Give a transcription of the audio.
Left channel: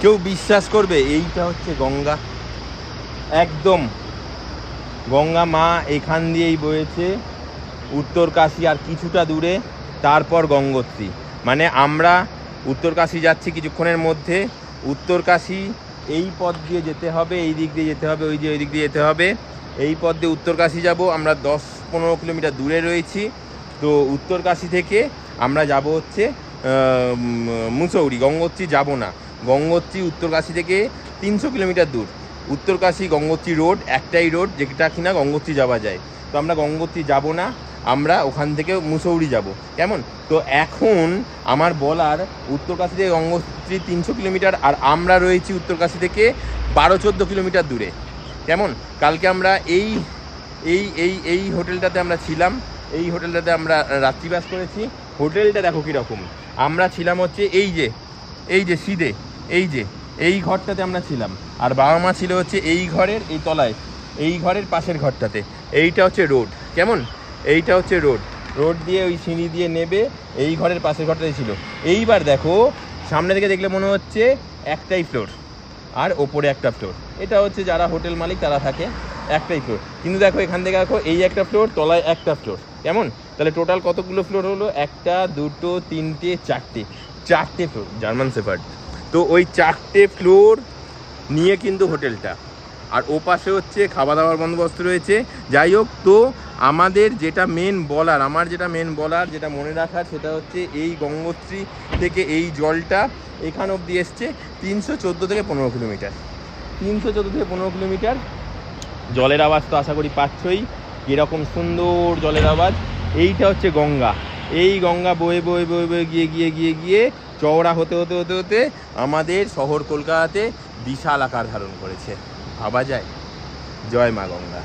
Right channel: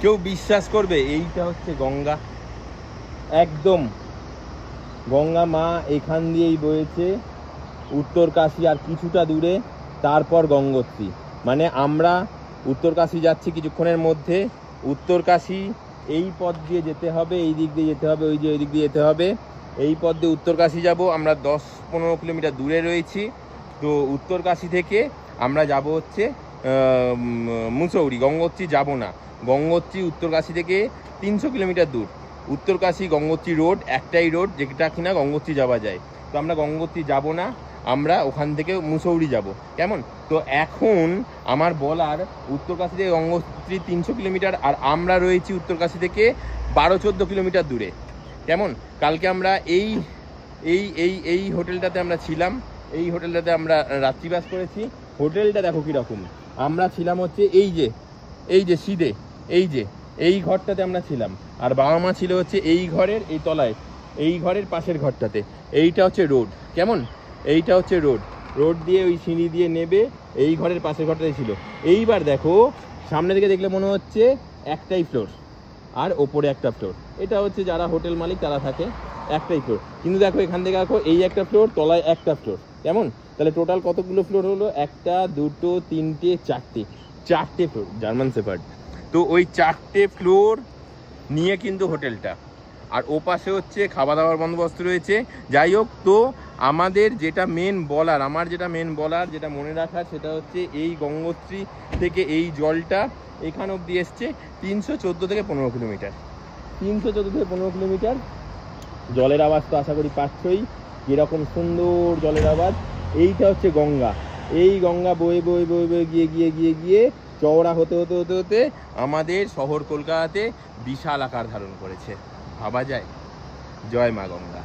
কেউ বিশ্বাস করবে? এইটা হচ্ছে গঙ্গা, একদম গঙ্গা মা এখান দিয়েই বয়েছে উত্তরকাশী আর কিছুটা দূরে, তারপর গঙ্গোত্রী। মানে আমরা উত্তরকাশী যাচ্ছি কিছুক্ষণের মধ্যে। উত্তরকাশী এই পথ দিয়ে যেতে হবে, এই দিক দিয়ে যেতে হবে, ওই যে ওই দিক দিয়ে যেতে হবে। এই পথ দিয়ে উত্তরকাশী যাব। আমরা 10-15 কিলোমিটার দূরে রয়েছি। তো উত্তরকাশী থেকে আমরা যাব হচ্ছে মুসৌরি। গঙ্গোত্রী যাব না। গঙ্গোত্রী উত্তরকাশী থেকে 300 কিলোমিটার দূর। উত্তরকাশী গঙ্গোত্রী রোড একটাই রোড, যেটা কিনা গঙ্গোত্রী যাওয়া যায়। তো আমরা গঙ্গোত্রী যাব না, আমরা ওখান থেকে মুসৌরি যাব। কেমন? তো এখন আমার বলার, উত্তরকাশী থেকে গঙ্গোত্রী 300 কিলোমিটার, আর আমরা রয়েছি উত্তরকাশী থেকে 12-14 কিলোমিটার দূরে। কেমন? কালকে আমরা এই এই এই এই হোটেলটাতে আমরা ছিলাম। এই হোটেলটাতে আমরা রাত্রিবাস করেছি। হোটেলটা দেখো কীরকম। আমরা ছিলাম হচ্ছে এই যে সিদে, এই ঘরটাতে আমরা ছিলাম। আর বাবা মা ছিল হচ্ছে এই ঘরের এই তলায়, এই ঘরের পাশের ঘরটাতে। এইটা হচ্ছে রোড। কেমন? এইটা হচ্ছে রোড দিয়ে ওই সিঁড়ি দিয়ে নেবে এই ঘরের পাশের ঘরটাই ছিল। এইবার দেখো সামনে থেকে দেখলে মনে হচ্ছে একটাই ফ্লোর আর ওপরে একটা ফ্লোর। এটা হচ্ছে যারা হোটেল মালিক তারা থাকে, একটাই ফ্লোর। কিন্তু দেখো এখান থেকে দেখো এই একটা ফ্লোর, তলায় একটা ফ্লোর। কেমন? তাহলে টোটাল কতগুলো ফ্লোর হলো? 1, 2, 3, 4টে ফ্লোর, জার্মান শেফার্ড। তো ওই 4টে ফ্লোর নিয়ে কিন্তু হোটেলটা, আর ওপাশে হচ্ছে খাওয়া দাওয়ার বন্দোবস্ত রয়েছে। যাই হোক, তো আমাদের যেটা মেন বলার, যেটা মনে রাখার, সেটা হচ্ছে এই গঙ্গোত্রী থেকে এই জলটা এখান অবধি এসছে 314 থেকে 15 কিলোমিটার। 314 থেকে 15 কিলোমিটার। জলের আওয়াজ তো আশা করি পাচ্ছই, এরকম সুন্দর জলের আওয়াজ। এইটা হচ্ছে গঙ্গা। এই গঙ্গা বয়ে বয়ে বয়ে বয়ে গিয়ে চওড়া হতে আমাদের শহর কলকাতাতে বিশাল আকার ধারণ করেছে। ভাবা যায়? জয় মা গঙ্গা।